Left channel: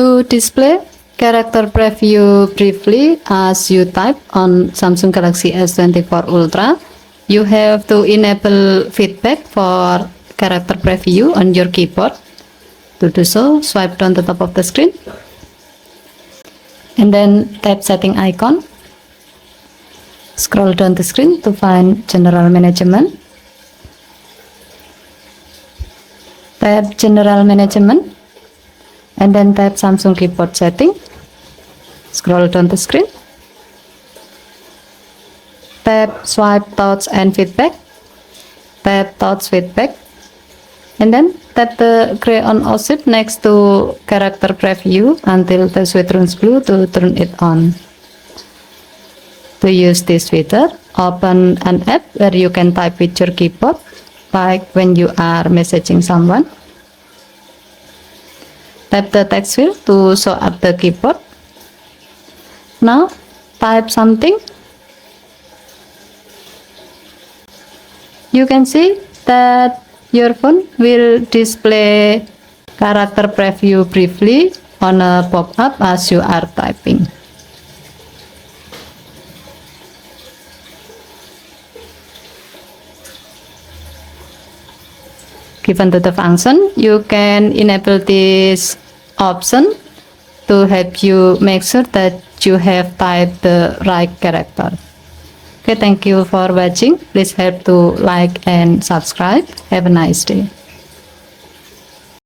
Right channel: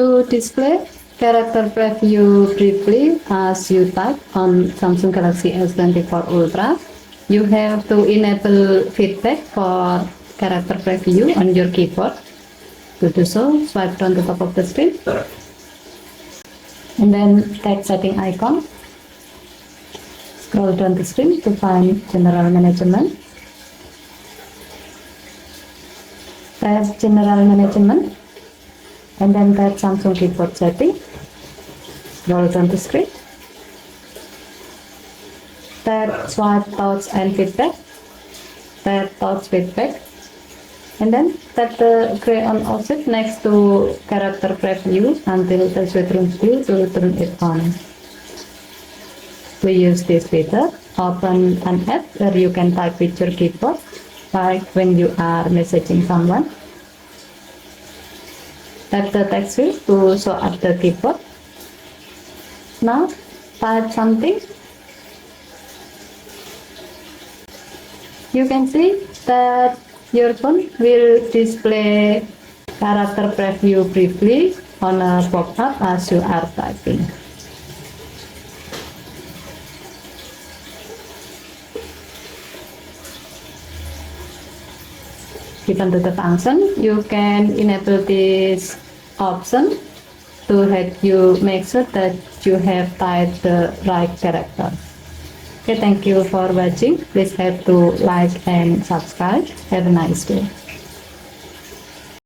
To display character preview briefly as you type on Samsung Galaxy S24 Ultra, you have to enable feedback for character preview on your keyboard. To do so, swipe down the top of the screen and then tap setting icon. Scroll down the screen to find general management. Tap general management and then tap Samsung keyboard setting. Scroll down the screen. Tap swipe touch and feedback. Tap touch feedback. And then tap the gray on offset next to character preview until the switch turns blue to turn it on. To use this feature, open an app where you can type with your keyboard, like when you are messaging someone. Tap the text field to show up the keyboard. Now type something. You can see that your phone will display character preview briefly on a pop-up as you are typing. Given to the function, you can enable this option to help you make sure that you have typed the right character. Okay, thank you for watching. Please help to like and subscribe. Have a nice day.